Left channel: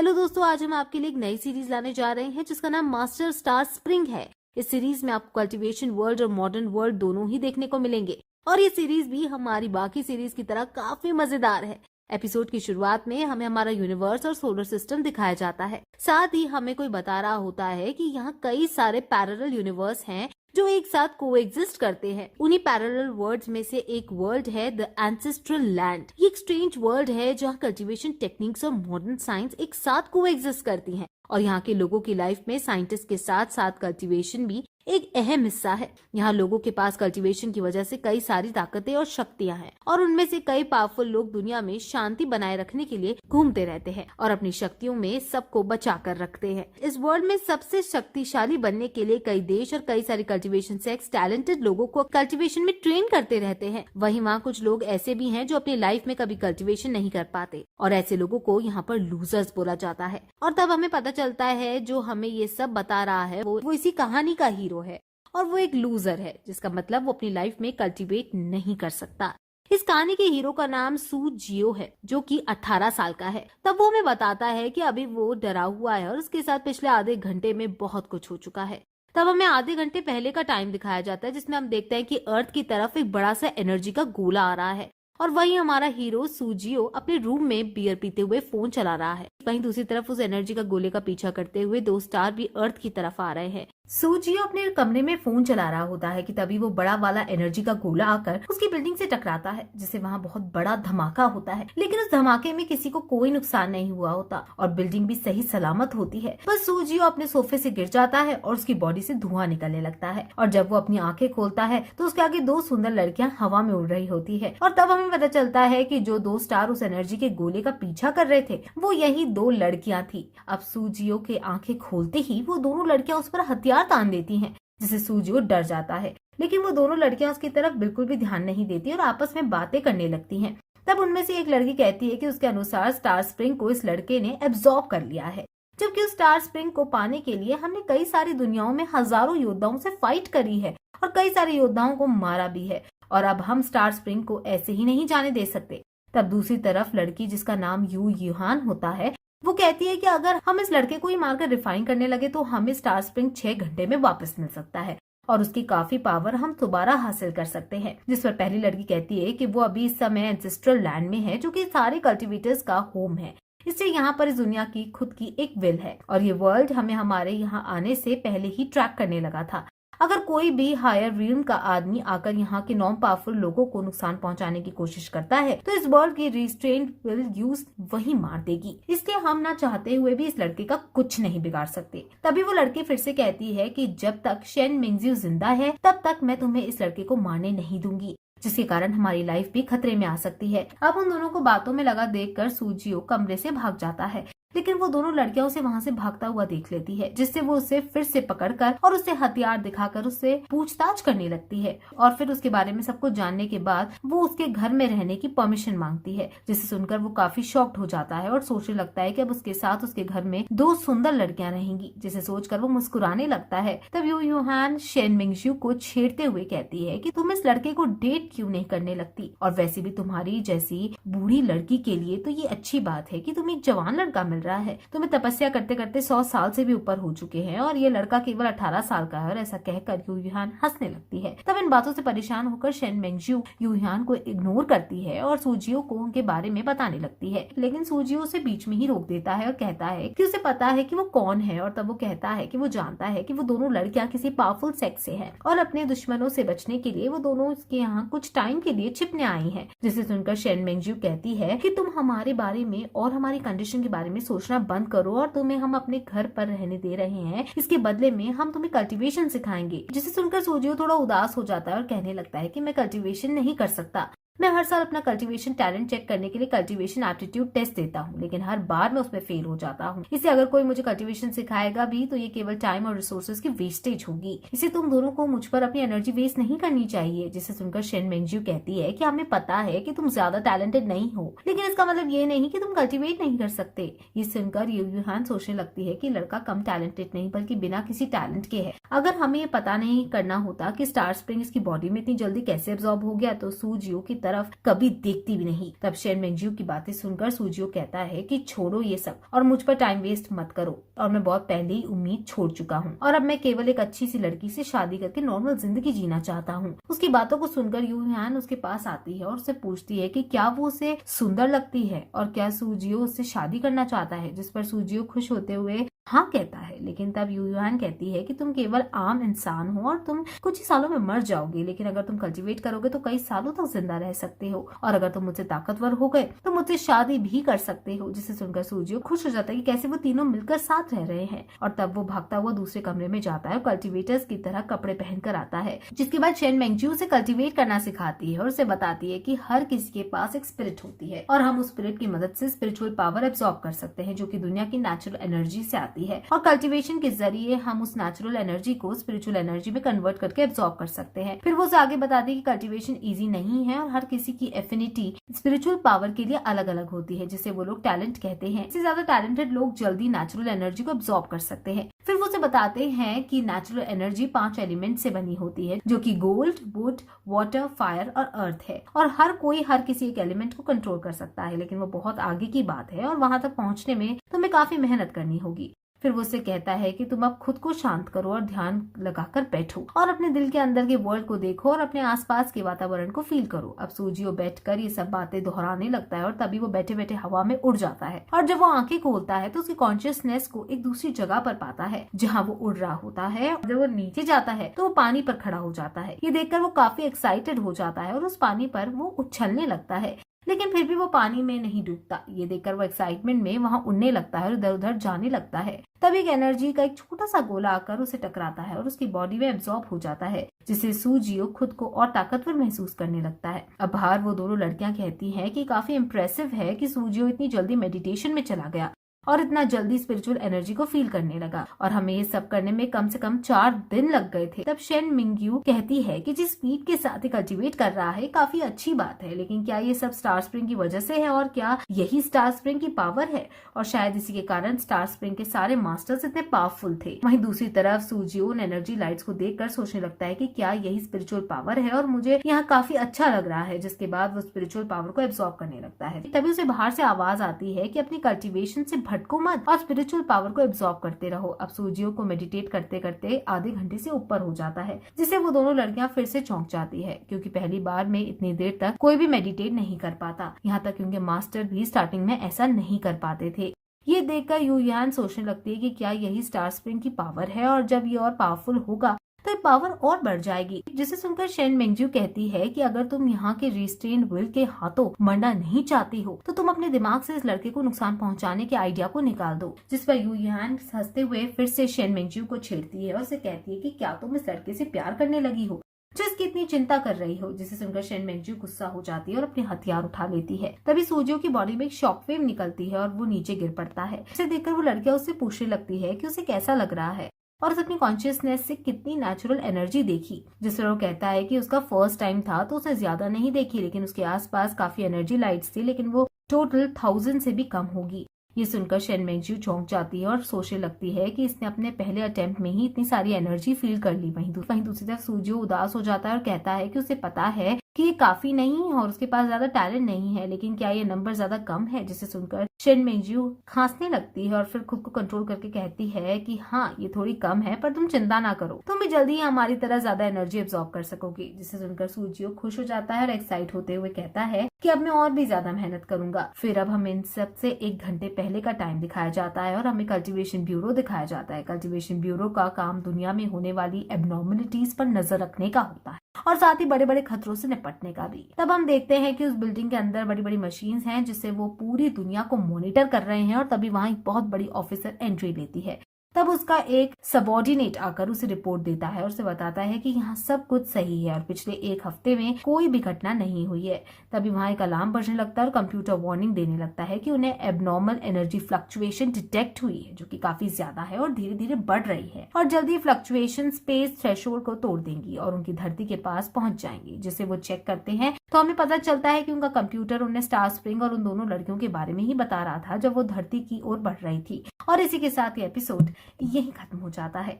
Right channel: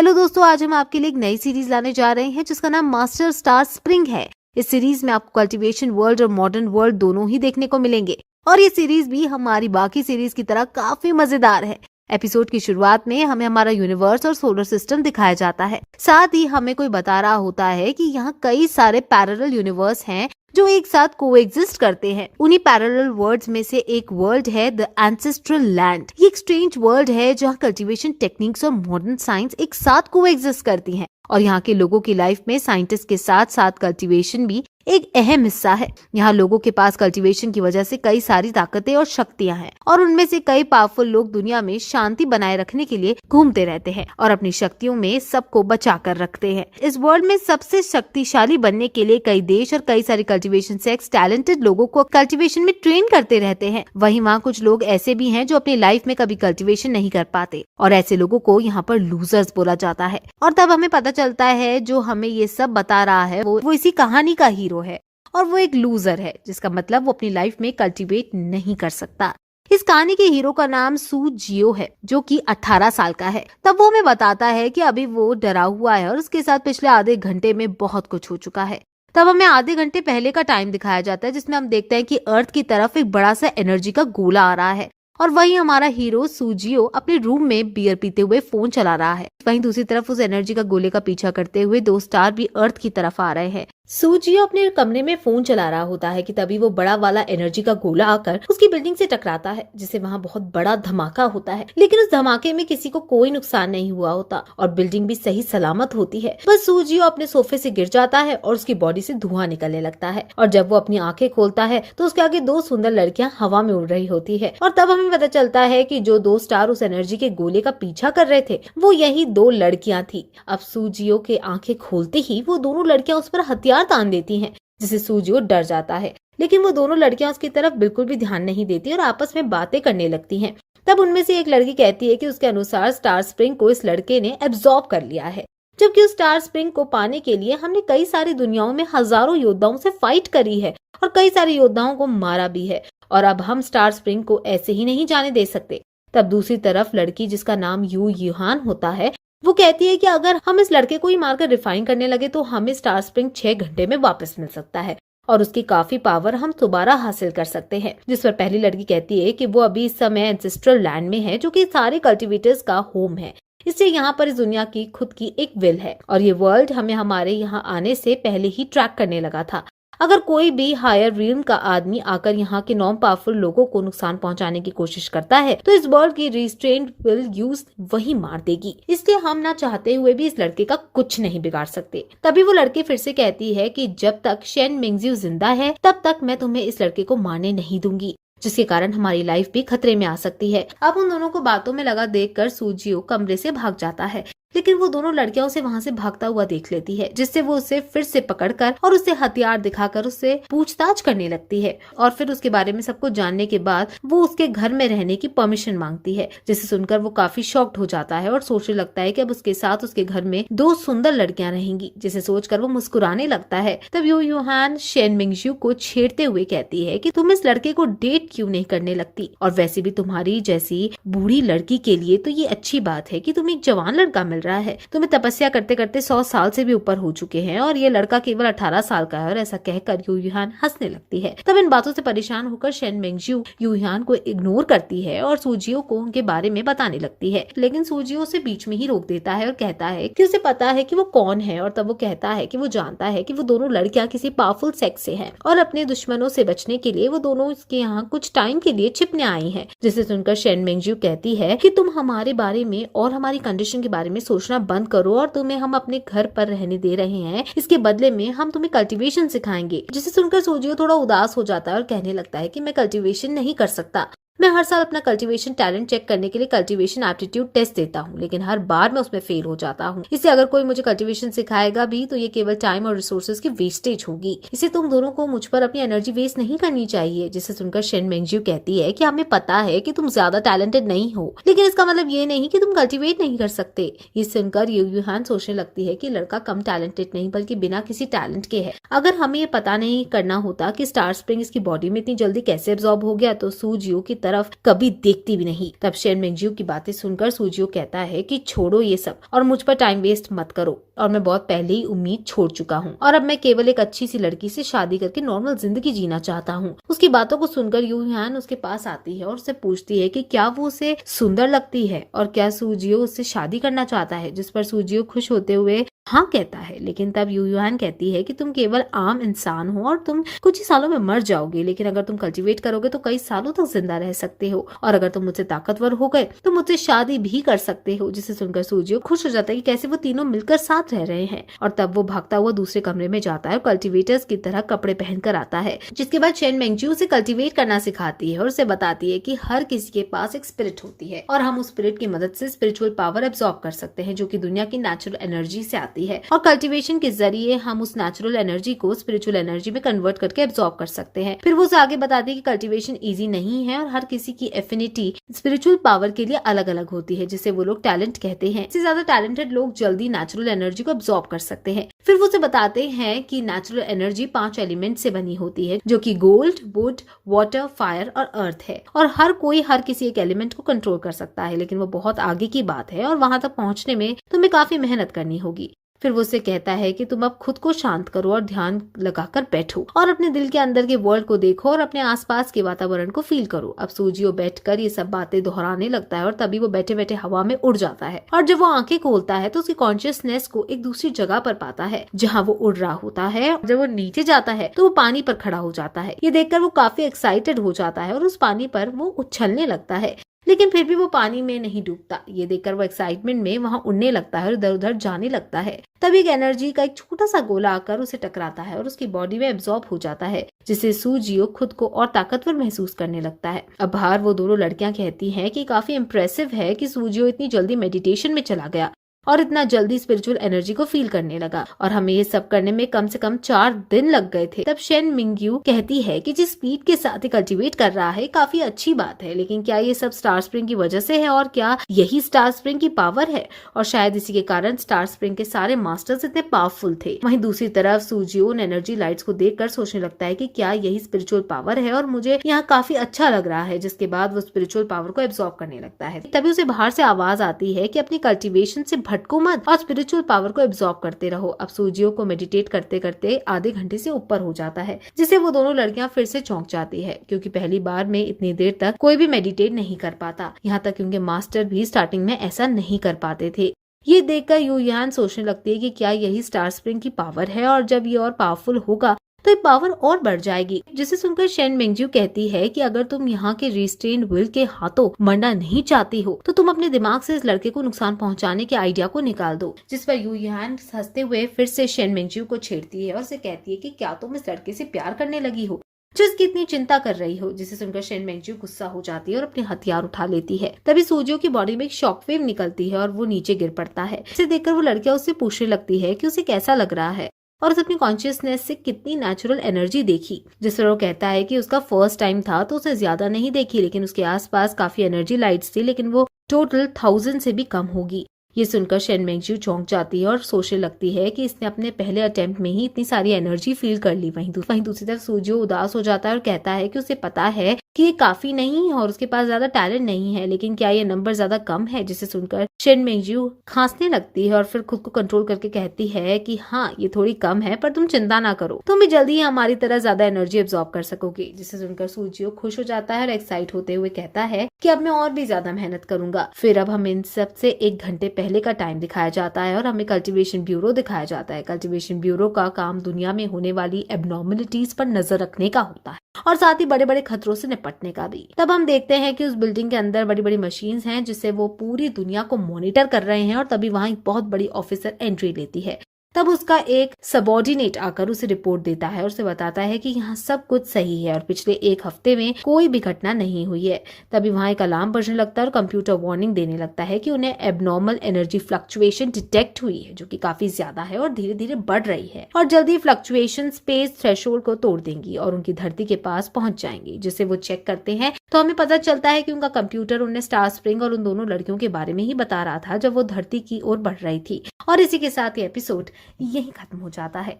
Hello दोस्तों, आज हम आपके लिए एक नई सीरीज लाने जा रहे हैं जिसका नाम मास्टर स्टार स्प्रिंग है। इस सीरीज में आपको कल्टीवेशन वर्ल्ड और मॉडर्न वर्ल्ड दोनों ही देखने को मिलेंगे और ये सीरीज भी हमारी बाकी सीरीज की तरह काफी मजेदार है। एपिसोड की शुरुआत में हमें हमारा यूनिवर्स और सोलर सिस्टम दिखाया जाता है। साथ ही हमें कोई बता रहा होता है कि यहाँ कई सारे पैरेलल यूनिवर्स हैं जो एक साथ कोएग्जिस्ट करते हैं। उन्हीं पैरेलल वर्ल्ड्स में से एक वर्ल्ड है द एंसेस्ट्रल लैंड। ये एक स्ट्रेंज वर्ल्ड है जहाँ कल्टीवेशन टेक्निक्स और मॉडर्न साइंस एक साथ कोएग्जिस्ट करती हैं और यहाँ के लोगों की लाइफ में साइंटिस्ट के साथ साथ कल्टीवेशन भी एक अहम हिस्सा है। यहाँ लोगों के पास कल्टीवेशन की वजह से कई सारी ताकतें और शक्तियाँ हैं और उनमें से कई पावरफुल लोग दुनिया में शांति बनाए रखने के लिए घूमते रहते हैं और अपनी शक्तियों में सबको बचा कर रखते हैं। इस वर्ल्ड में सबसे शक्तिशाली बनने के लिए कई देश और कई सारे कल्टीवेशन सेक्स टैलेंटेड लोगों को कल्टीवेशन में ट्रेन करते रहते हैं। वहीं वहाँ कुछ लोग ऐसे भी हैं जो अपनी लाइफ में कभी कल्टीवेशन नहीं कर पाते और ऐसे लोगों को यहाँ पर लूजर्स बोला जाता है। और तब हमें पता चलता है जो हमें ये सब बता रहा है वो इसी कहानी का हीरो है और वो एक लूजर है, जिसका मतलब वो अपनी लाइफ में कल्टीवेट नहीं कर सकता। इस कहानी के हीरो का नाम सू जियो है जो कि 18 साल का है। तब वो हमें बताता है कि अभी वो डरा हुआ है और उसके साथ पिछले आधे घंटे में बहुत कुछ हो चुका है। तब हमें आधे घंटे पहले का टाइम दिखाया जाता है जिसमें हम देखते हैं कि अर्थ की तरफ एक बड़ा सा एनर्जी का गोला आ रहा है और वहीं हमारा हीरो सूजियो अपने रूम में बियर पीते हुए फोन चला रहा है। वहीं दूसरी तरफ उस एनर्जी का गोले का पीछा करते हुए दो स्टार भी अर्थ की तरफ आ रहे हैं। सूजियो अपने कमरे में फोन चला रहा होता है कि तभी वो बड़ा वाला एनर्जी का गोला आकर उसकी बिल्डिंग से टकराता है जिससे वहाँ बहुत बड़ा धमाका होता है। लेकिन उस धमाके में किसी को कोई नुकसान नहीं हुआ होता और बिल्डिंग भी सही सलामत होती है। बस सूजियो अपने सोफे से गिर जाता है और उसकी बॉडी से धुआं निकलने लगता है और जब वो अपनी आंखें खोलता है तो उसके आगे दो सुंदर लड़कियां हवा में उड़ रही होती है और तब हमें पता चलता है कि जो दो स्टार उस एनर्जी के गोले का पीछा कर रहे थे वो यही दो लड़कियां थी। अब सूजियो के आंखें खोलते ही वो दोनों लड़कियां उस पर हथियार तान देती हैं जिससे सूजियो डर जाता है। लेकिन वो दोनों लड़कियां उसकी तरफ बिल्कुल भी ध्यान नहीं देती और आपस में बातें करने लगती हैं। तब उनमें से एक लड़की कहती है कि उसके अनुसार स्टार स्प्रिंग को इस लड़के ने एब्जॉर्ब कर लिया है, जबकि उस स्टार स्प्रिंग को पाने के लिए हमने कई सारी दुनियाओं में हजारों योद्धाओं से फाइट करी है और कई सारे योद्धाओं को मारा भी है और अब हम स्टार स्प्रिंग को ऐसे ही नहीं जाने दे सकते। तब दूसरी तरफ लड़की जिसका नाम यू यूहान होता है वो कहती है कि अगर हम इस लड़के को ही मारकर रिफाइन करने लगे तो हमें स्टार स्प्रिंग 6 घंटे में वापस मिल सकता है और उसकी काफी पावर हम दोबारा हासिल कर सकते हैं। जिस पर पहली लड़की कहती है कि वो अभी इस समय एंसेस्ट्रल लैंड में है जो कि सारे कल्टीवेटर्स का होम है, इससे यहाँ पर इस दुनिया की खुद की एक विल है और ये वर्ल्ड हमें हमारे यहाँ आने से पहले ही ट्रैक करने लगा था। अगर कोई भी हायर रियल्म का आदमी आकर यहाँ के नॉन पावरफुल लोगों को नुकसान पहुंचाने की कोशिश करता है तो इस वर्ल्ड की रिस्ट्रेंट विल यूज वही मार देगी। इसलिए हम ना चाहते हुए भी इस लड़के का कुछ नहीं बिगाड़ सकते। तभी वो लड़की फिर से कहती है कि जब तक शेन मिंगजियो जिंदा है तब तक मैं तुम्हें इस लड़के को मारने नहीं दूंगी, जिसके कारण हमारी लाइफ भी खतरे में आ सकती है। अब उन दोनों को बातों में लगा देखकर सूजियो कमरे से भाग जाता है, लेकिन वो दोनों लड़कियां उसे वहां से भागता हुआ देख लेती है जिससे वो उसे फिर से पकड़कर और उसे हथियार दिखाकर उससे पूछताछ करने लगती है और फिर उसके बारे में सब कुछ जानने के बाद वो उसके घर में रहने की परमिशन मांगती है, जिसे सुनकर वो काफी शॉक्ड हो जाता है और सोचने लगता है कि अब उसके साथ उसके घर में दो सुंदर लड़कियां रहेंगी, जिसे सोचकर वो मुस्कुराने लगता है। तब यू यूहान शेन मिंगजियो को छेड़ते हुए कहती है कि तुम इस लड़के को डेट क्यों नहीं करने लगती, और वैसे भी तुम्हारी जैसी बूढ़ी लड़की के लिए तो ये अच्छी बात है कि तुम एक जवान लड़का रहा है। तुम्हें तपस्या करते करते 100 साल से भी ऊपर हो चुके हैं और ये लड़का केवल 18 साल का है। और ऐसा कहकर यू यूहान हंसने लगती है। तब इन बातों से परेशान होकर शेन मिंगजियो यू यूहान को इग्नोर करती है और सूजियो को उनके बारे में बताने लगती है, लेकिन सूजियो उसे बीच में ही रोक देता है और कहता है कि उसे पता है कि वो कौन है। और तब वो कहता है कि वो जानता है कि वो दोनों लड़कियां किसी पावरफुल सेक्स से हैं और अपने दुश्मनों से बचने के लिए वो दोनों इसके यहाँ कुछ टाइम के लिए छिपने आई हैं। जिसे सुनकर शेन मिंगजियो कहती है कि तुम हमारे बारे में और हमारी कंडीशन के बारे में सोचना बंद करो और तुम्हें हम अपने घर पर रहने दे रहे हैं, इसके बदले में हम तुम्हें कल्टीवेशन सिखाएंगे। जिसे सुनकर सूजियो थोड़ा उदास हो जाता है और कहने लगता है कि मैं कल्टीवेशन नहीं कर सकता। मैं हर साल अपना कल्टीवेशन टैलेंट चेक करने के लिए कल्टीवेशन एप्टीट्यूड टेस्ट देता हूँ, लेकिन हर बार मैं उसमें फेल हो जाता हूँ। इससे अगर कोई मुझे कल्टीवेशन सिखाएगा भी तो ये केवल टाइम और रिसोर्सेज की वेस्टेज होगी। इसे तुम दोनों को मुझ पर अपनी एनर्जी वेस्ट नहीं करनी चाहिए। जिसे सुनकर शेन मिंगजियो कहती है कि हमें पता है कि तुम ज्यादा टैलेंटेड नहीं हो, लेकिन इसका मतलब ये नहीं कि तुम कल्टीवेट नहीं कर सकते। ये सुनकर यू यूहान सोचने लगती है कि लड़का कम टैलेंटेड नहीं बल्कि बिना किसी टैलेंट के है। अगर हमें ये पता नहीं करना होता कि स्टार स्प्रिंग इसकी बॉडी में इतनी जल्दी कैसे एब्जॉर्ब हो गया तो सूजियो की तरफ कभी देखती भी नहीं। तब शेन मेंगजियो की बातें सुनकर सूजियो कहता है कि छोड़ो ये सब और मुझ पर टाइम वेस्ट मत करो, और मैं बहुत पहले ही उम्मीद छोड़ चुका हूँ और अब मैं केवल एक अच्छी सी लड़की से शादी करके नॉर्मल जिंदगी जीना चाहता हूँ। उसकी बातों को सुनकर यू ह्यान उसके पास आती है और उससे पूछती है कि क्या वो उसे सुंदर लगती है और क्या सूजियो उससे शादी करना चाहता है, जिस पर सूजियो खुश होते हुए हाँ कहता है। लेकिन तब यू ह्यान कहती है कि तुम केवल आम इंसान हो और तुम कुछ ही सालों में मर जाओगे, लेकिन अगर तुम कल्टीवेट करोगे तो कई सालों तक जिंदा रह सकते हो, और अगर तुम मुझसे ताकतवर हो गए तो मुझसे शादी भी कर सकते हो। जिसे सुनकर सूजियो खुश हो जाता है कि कैसे वो तीनों मिलकर साथ रह रहे हैं, और तब वो भागता हुआ दूसरे कमरे में जाता है और कल्टीवेटर्स की तरह कपड़े पहनकर आता है। जिसके बाद शेन मेंगजियो उसे कल्टीवेट करना सिखाती है और उसे बताती है कि हर किसी के पास एक स्पिरिट होती है और हम उस स्पिरिट की मदद से स्पिरिचुअल पावर एब्जॉर्ब कर सकते हैं, जो कि दुनिया की नेचुरल एनर्जी से आती है, और कल्टीवेशन के जरिए हम उस नेचुरल एनर्जी को स्पिरिचुअल एनर्जी में कन्वर्ट करके एब्जॉर्ब कर सकते हैं। फिर वो उसे आगे बताती है कि कल्टीवेशन इजी नहीं है और हर किसी की एफिनिटी स्पिरिचुअल पावर के लिए अलग अलग होती है, जिसे वो लोग टैलेंट कहते हैं। इससे ज्यादा टैलेंटेड लोग जल्दी नेचुरल एनर्जी को एब्जॉर्ब कर सकते हैं। फिर वो उसे बताते हैं कि नेचुरल एनर्जी 5 एलिमेंट से बनी होती है, जो कि गोल्ड, वुड, वाटर, फायर और अर्थ है, और हर कोई हर किसी एक एलिमेंट को कंट्रोल कर सकता है, लेकिन वो बहुत आगे की बात है और वहां तक पहुंचने में तुम्हें काफी मेहनत करनी होगी। फिर वो उसे कहता है कि तुम अब खुद को शांत करो और ध्यान लगाकर बैठो और अपने दिल के अंदर के वर्ल्ड को देखो और अपने आसपास के वातावरण को फील करो। अब सूजियो बैठकर ये सब बातें दोहराने लगता है और तभी वो बैठे बैठे हवा में उड़ जाता है, और जब वो आंखें खोलता है तो उसकी कॉन्शियसनेस को एक दूसरी जगह पर पाता है जहाँ वो उड़ रहा होता है। जब वो नीचे जाता है तो वो पानी पर खड़ा हो जाता है। ये देखकर वो काफी एक्साइटेड हो जाता है और उस पानी पर वो उछलने लगता है, लेकिन फिर भी वो पानी में नहीं डूबता। ये देखकर वो एक्साइटमेंट में वहां उड़ने लगता है और इधर उधर जाने लगता है। तब एक एनर्जी का एक छोटा सा गोला आकर उसे टकराता है और उसकी बॉडी में एब्जॉर्ब हो जाता है, जिससे सूजियो खुद को और ताकतवर महसूस करने लगता है। अब बाहर वो दोनों लड़कियां कहती हैं कि काफी इम्प्रेसिव है कि सूजियो इतनी जल्दी मेडिटेशन में चला गया और इतना जल्दी स्पिरिचुअल एनर्जी को फील करने लगा, और हमें ये सब करने में कम से कम 4 दिन लग गए थे। तब शेन मिंगयू कहती है कि जिस स्पीड के साथ कल्टीवेट कर रहा है काफी अच्छी बात है, लेकिन क्या ये सब स्टार स्प्रिंग की वजह से है, और क्या यही स्टार स्प्रिंग की पावर है, और शायद इसी के कारण स्टार स्प्रिंग के सारे मास्टर्स इतने पावरफुल थे। वहीं दूसरी तरफ सूजियो उन एनर्जी लाइट्स को देखकर सोचने लगता है कि क्या यही स्पिरिचुअल पावर है, और मुझे यहाँ काफी अच्छा लग रहा है। जिसके बाद वो स्पिरिचुअल पावर को एब्जॉर्ब करने लगता है। तभी उसे बाहर से आवाज आती है कि अपनी कल्टीवेशन से भटको मत और स्पिरिचुअल पावर को एब्जॉर्ब करते रहो। अब सूजियो को मेडिटेट करते करते आधे घंटे से ऊपर हो जाता है, जिसे वो दोनों लड़कियां फिर से चौंक जाती है, क्योंकि पहली बार में इतनी देर तक कोई भी मेडिटेट नहीं कर पाता। यहाँ तक कि उनके मास्टर भी स्टार्टिंग में ऐसा नहीं कर पाते थे। ये देखकर यू ह्यान सोचने लगती है कि क्या यही स्टार स्प्रिंग की पावर है, और जब ये और पावरफुल होगा तो ये पावर और बढ़ जाएगी। जिसे सुनकर शेन मेंगजियो कहती है कि अगर तुम यहाँ के रिस्ट्रेन विल के हाथों मरना नहीं चाहती हो तो तुम अपने दिमाग से इस लड़के को नुकसान पहुंचाने के आइडिया को निकाल दो। जिस पर यू ह्यान हंसते हुए फिर से शेन मेंगजियो को छेड़ती है और उसे कहती है कि क्या तुम इस लड़के से प्यार करने लगी हो जो इसकी इतनी चिंता कर रही हो। जिसे सुनकर शेन मेंगजियो गुस्सा हो जाती है और अपने हथियार उठा लेती है। तभी सूजियो की बॉडी में एक शॉकवेव निकलती है और वो नीचे गिर पड़ता है। इसे देखकर वो लड़कियां उससे पूछने लगती है कि उसे कैसा लग रहा है और उसे अपनी कॉन्शियसनेस से कितनी नेचुरल एनर्जी देखी। जिस पर वो कहता है कि उसका फर्स्ट टाइम था तो उसने ज्यादा नहीं देखी, लेकिन उसके आसपास काफी एनर्जी लाइट्स थी, लेकिन वो टोटल 1000 से भी कम होगी। ये सुनकर शेन मेंगजियो चौंक जाती है और सोचने लगती है कि इसने अपने पहले अटेम्प्ट में ही इतनी सारी एनर्जी फील कर ली। वहीं दूसरी तरफ सूजियो उदास हो जाता है और कहता है कि उसे पता है कि ये काफी नहीं और उसके पास ज्यादा टैलेंट नहीं है, लेकिन क्या ये नंबर ज्यादा कम है। जिसे सुनकर शेन मेंगजियो खांसने लगती है और फिर खुद को कंट्रोल करके कहती है कि हाँ ये थोड़ी कम है, पर तुम चिंता ना करो, तुम भी जल्दी ही हमारी तरह ज्यादा एनर्जी एब्जॉर्ब कर सकोगे। जिसे सुनकर सूजियो खुश हो जाता है और एक्साइट होते हुए कहता है कि अब मैं और भी ज्यादा मेहनत करूंगा। फिर अब हमें इन सब से 1 घंटे पहले का टाइम दिखाया जाता है और हमें कल्टीवेशन ब्यूरो दिखाया जाता है। कल्टीवेशन ब्यूरो का काम दुनिया में होने वाली एबनॉर्मलिटीज पर नजर रखने का होता है और साथ ही बड़े बड़े खतरों से निपटने का भी। तब हम देखते हैं कि उस बिल्डिंग के अंदर बड़ी बड़ी मशीन्स हैं जिससे वो पूरी दुनिया को मॉनिटर कर रहे हैं, और तभी वहां एक बहुत बड़ी ऑफिसर एंट्री लेती है। तब उसका एक सबॉर्डिनेट आकर उसे रिपोर्ट देता है और उसे बताता है कि यहाँ सब कुछ सही है और पिछले 1 हफ्ते में कोई भी घटना नहीं हुई है। तभी वहाँ एक अलार्म बजने लगता है और कंप्यूटर वार्निंग देने लगता है कि उन्हें एबनॉर्मल एनर्जी फ्लक्चुएशन डिटेक्ट हुई है, जो कि काफी ज्यादा है और धीरे धीरे बढ़ रही है, और जल्दी फ्लक्चुएशन स्पेस थ्रेशोल्ड को तोड़ देंगी और उनकी धरती के पास पहुंच जाएंगी। जिसे वो चेक करते हैं तो हमें पता चलता है कि उनका कंप्यूटर उन्हें स्टार स्प्रिंग और उन दोनों लड़कियों के बारे में ही बता रहा था जब वो धरती की ओर बढ़ रही थी। और इसी के साथ ये एपिसोड यही खत्म हो जाता है।